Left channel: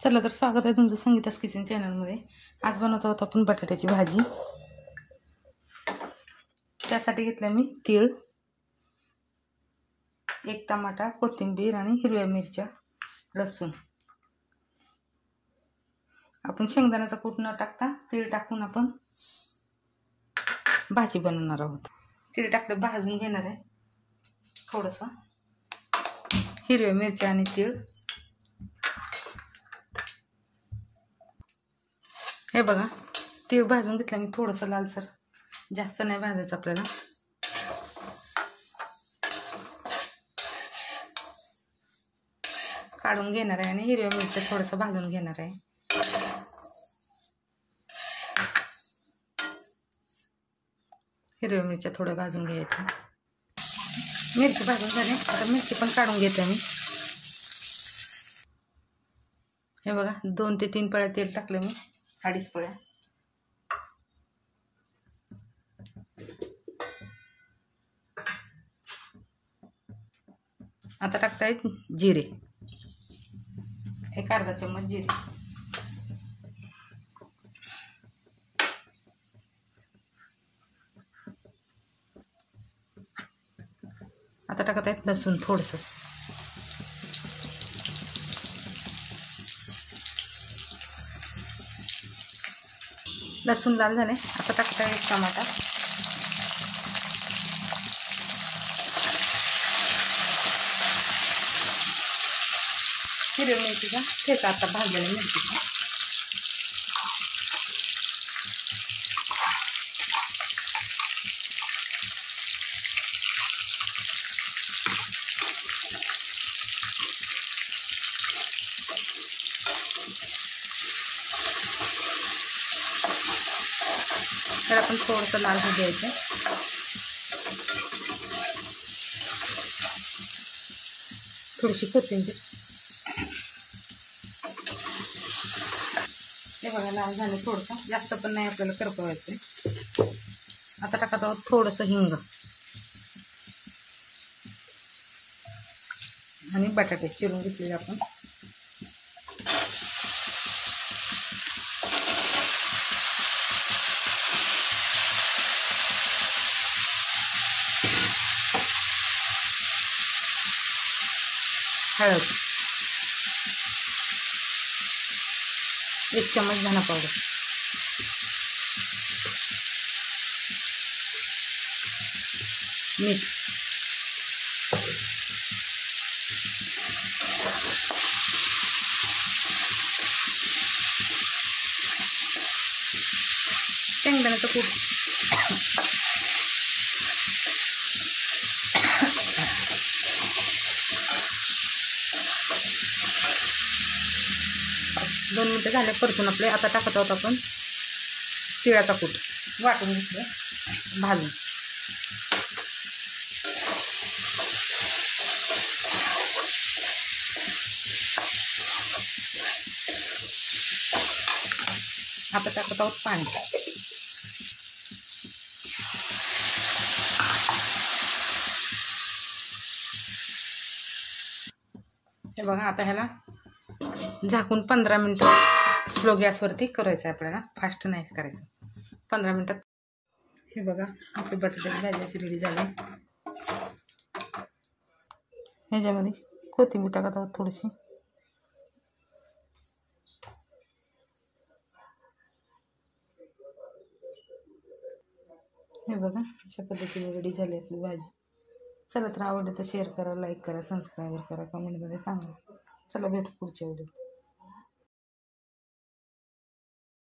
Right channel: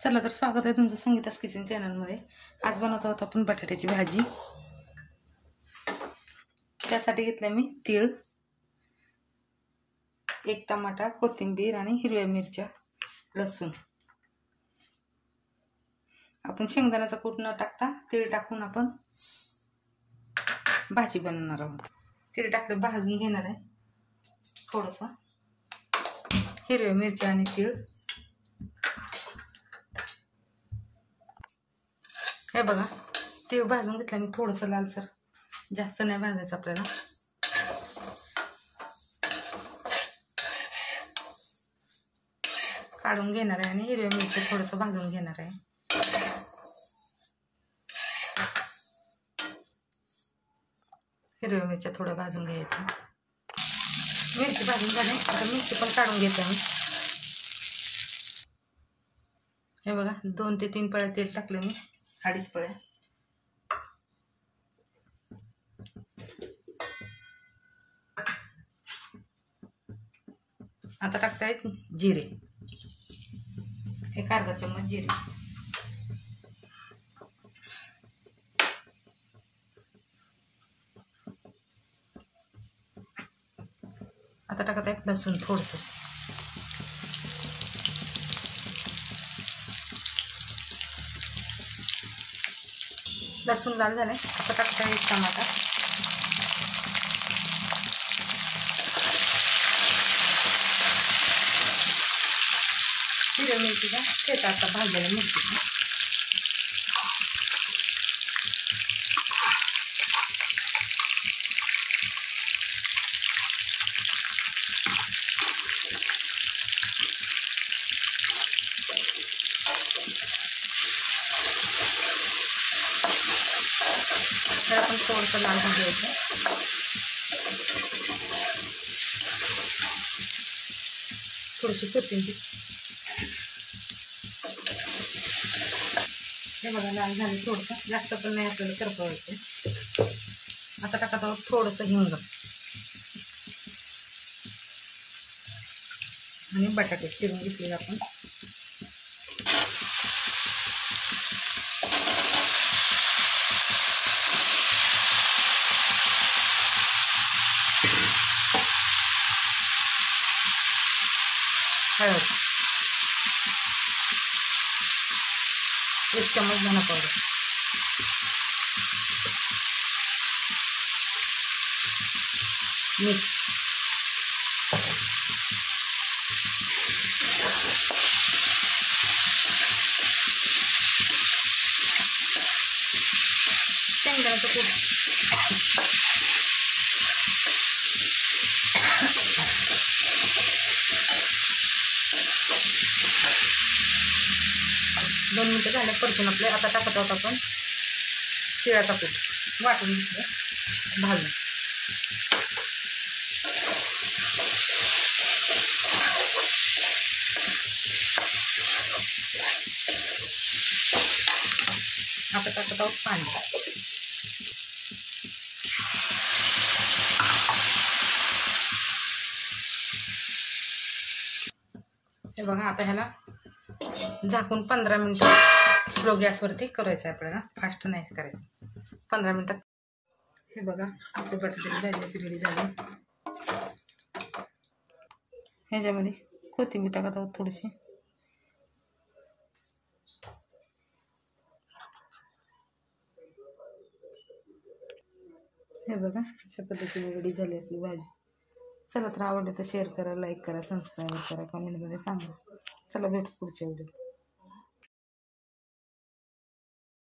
चला तर स्वागत आहे तुमचं संगीतास किचन चॅनलमध्ये। आज बनवत आहोत आपण बटाट्याची भाजी। त्यासाठी घेतलं मी तीळ, एक टमाटा, कोथिंबीर आणि हिरव्या मिरच्या, लसूण। आपण शेंगदाण्याचा कूट न टाकता तीळ टाकून आपण भाजी बनवणार आहोत। तीळ टाकलं भाजून घेणार आहे थोडंसं, हिरव्या मिरच्या आणि तीळ। हे बघा, तीळ भाजून घेतलं मी थोडंसं लालसर, जास्त नाही भाजायचं आपल्याला। काढून घेणार आहे आणि हिरव्या मिरच्या थोडंसं भाजून घेणार आहे। हिरव्या मिरच्या थोड्या भाजून घ्यायच्या। मिरची भाजून झाली, आता मिरची पण काढून घेते मी। हे बघा, 2 ते 3 पळ्या तेल टाकले मी, 2.5 पळ्या। आता टाकतायत जिरे, एक अर्धा चम्मच जिरे। आता टाकतायत लसूण थोडंसं, लसूण लाल झाले। आता टाकताय एक टमाटा, हिरव्या मिरचीचा ठेचा, आता भाजलेल्या मिरचीचा। तर आपण थोडंसं लाल होऊ द्यायचं। थोडीशी कोथिंबीर, हे बघा लाल झाले थोडंसं, जास्त पण नाही आपल्याला करपवायचं। आता टाकत आहोत थोडंसं हिंग आणि बटाटे चिरून घेतले आपण। हळद, 1 चम्मच धना पावडर, मीठ, शेंगदाण्याचं कूट, दोन मिनिटं झाले परतून आपले। आता टाकत आहोत आपण तिळाचा कूट, वाटून घेतलं भाजून। आता टाकत आहोत पाणी। हे बघा, आता ह्याला झाकून 15 मिनिटं स्लो गॅसवरती करायचं आहे आपल्याला, फास्ट नाही करायचं। 15 मिनिटात हे बघा आपली बटाट्याची भाजी अशी रेडी झाली। ह्याच्यामध्ये कोथिंबीर टाकत आहोत थोडीशी। हे बघा, अशा पद्धतीने रेडी झाली आपली भाजी। चला तर आवडलं तर शेअर करा, लाईक करा, सबस्क्राईब करा, कमेंटमध्ये सांगा। चला भेटू पुढच्या व्हिडिओत।